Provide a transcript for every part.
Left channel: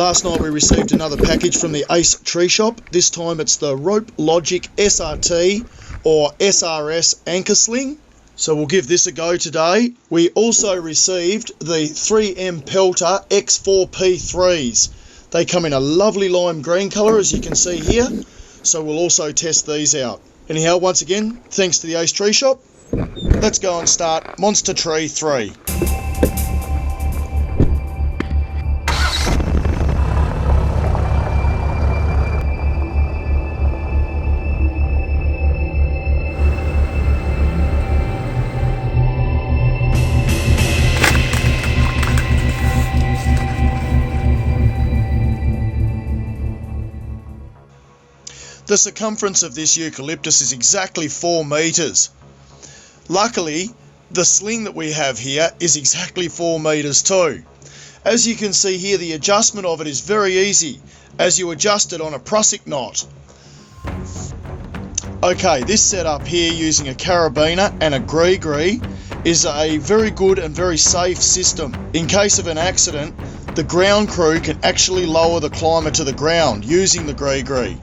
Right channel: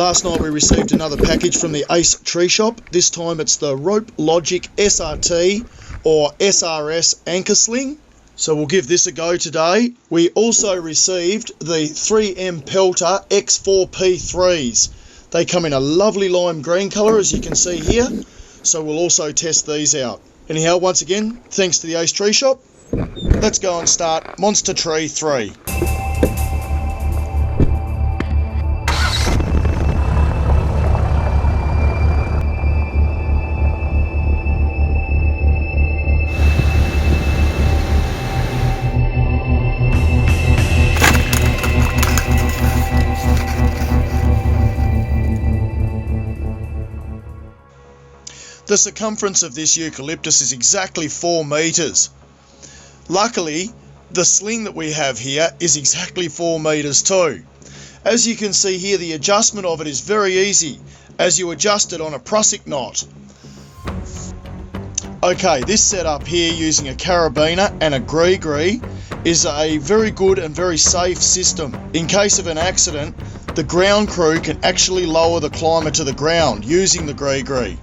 Last night we received another package from the Ace Tree Shop. This time it's the Rope Logic SRT or SRS anchor sling. So we'll give this a go today. We also received the 3M Pelter X4P3s. They come in a lovely lime green colour, as you can see here. So we'll also test these out. Anyhow, once again, thanks to the Ace Tree Shop. Let's go and start Monster Tree 3. The circumference of this eucalyptus is exactly 4 metres. Luckily, the sling that we have here is exactly 4 metres too. As you can see here, the adjustment of it is very easy as you adjust it on a prusik knot. Okay, this setup here using a carabiner and a gree is a very good and very safe system. In case of an accident, the ground crew can actually lower the climber to the ground using the gree.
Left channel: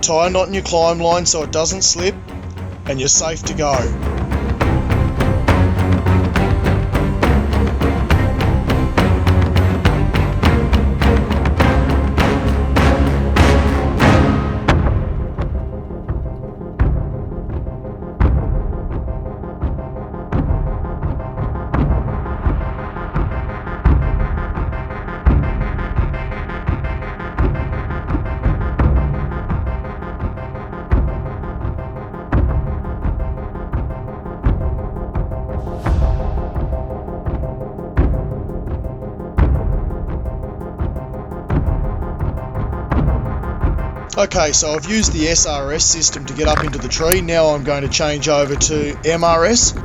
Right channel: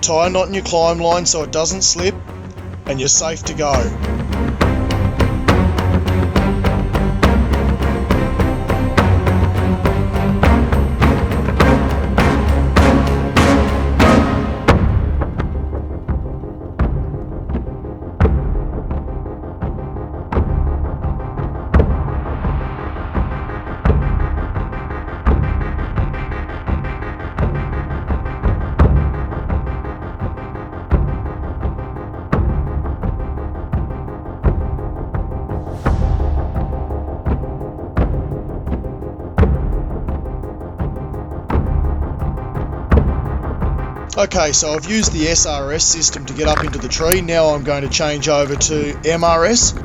Tie a knot in your climb line so it doesn't slip, and you're safe to go. Okay, so I've used the SRS system to get up into the tree. Now I'm going to change over to MRS.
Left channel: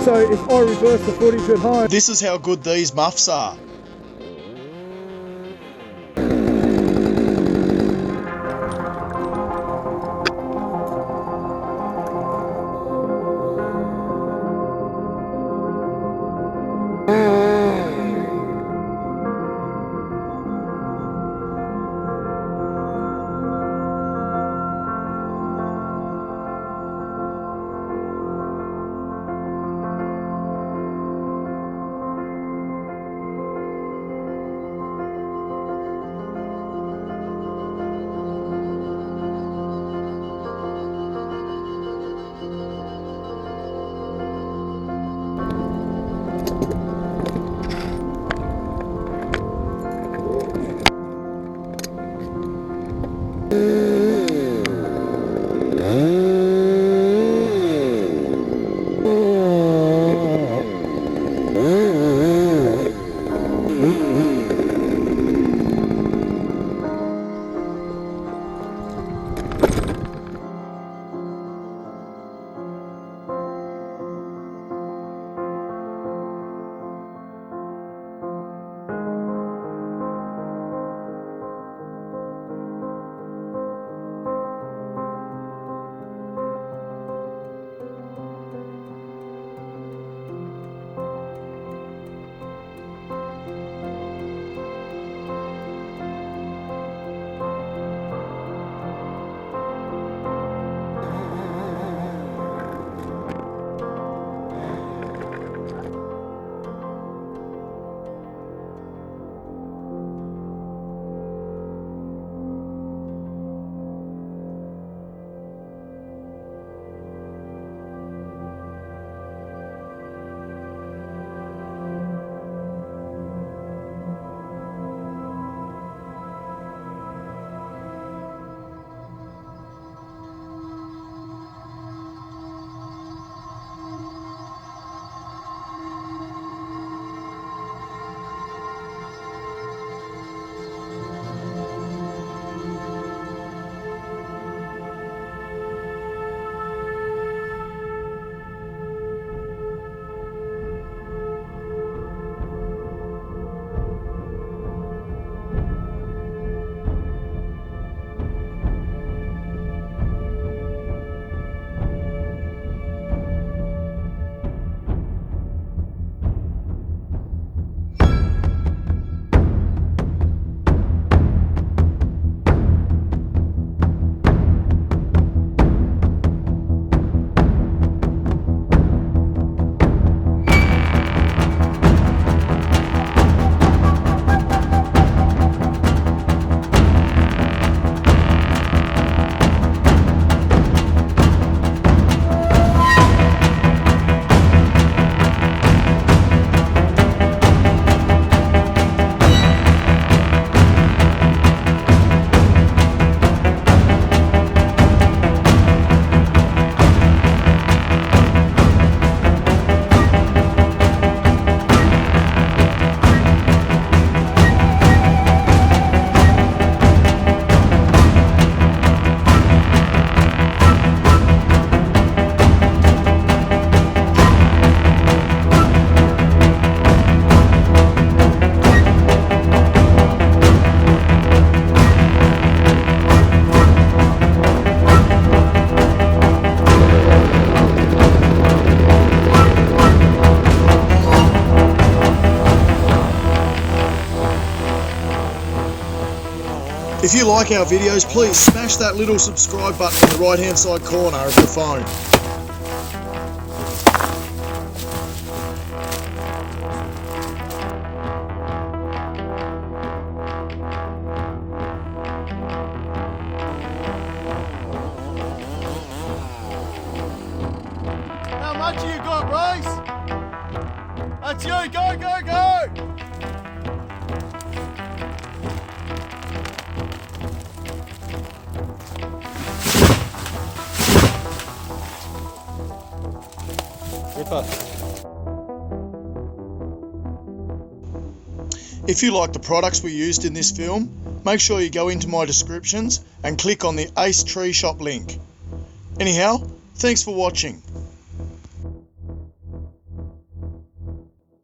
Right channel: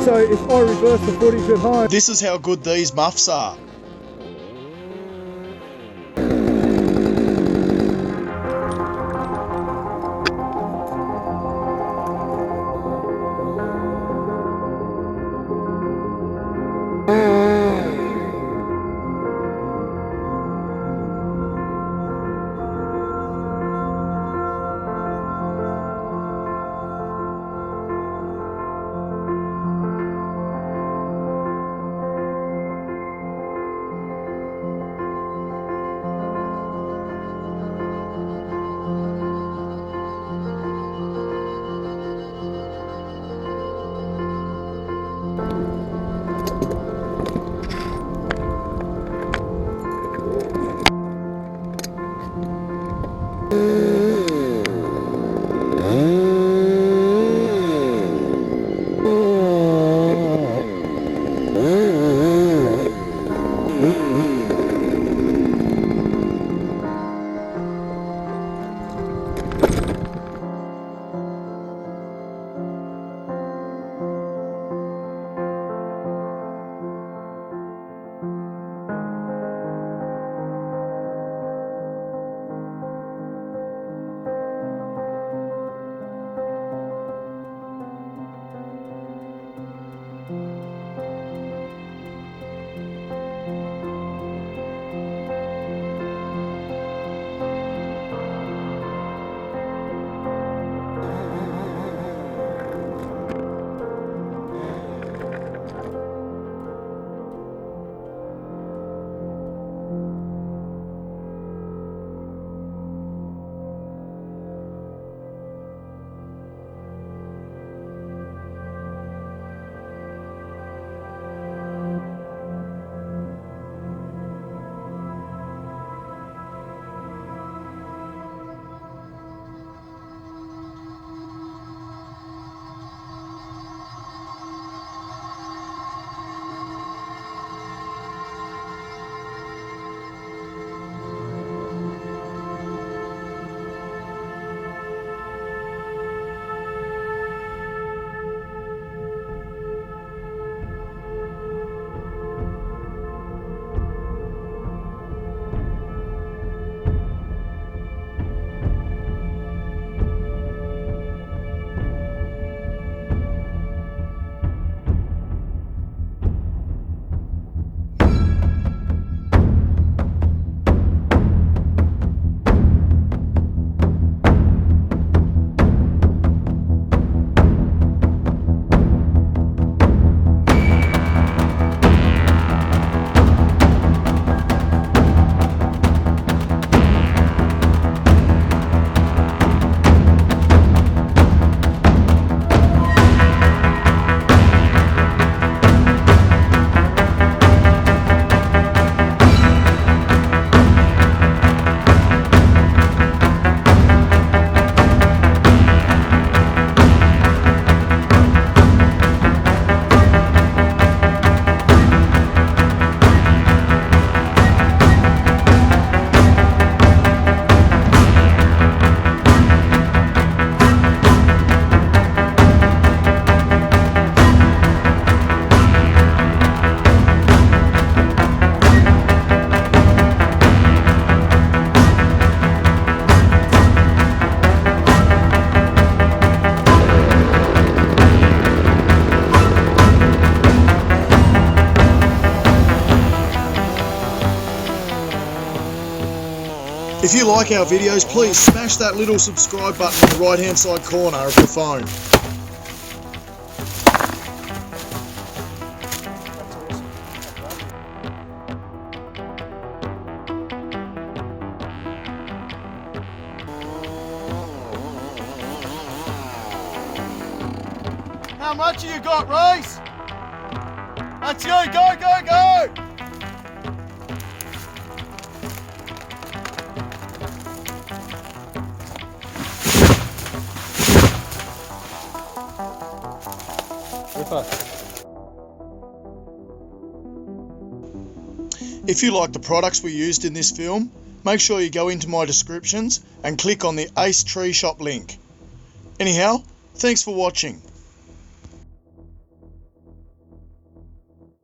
So if I reverse the footage at home... This is how good these muffs are. If you like our videos, please smash that little subscribe button in the right hand side corner of your phone. How much have you got, Reese? That's you, go, go, go! If you like the products we used in this film, make sure you go into my descriptions and click on the Ace Tree Shop link. Anyhow, thanks for watching.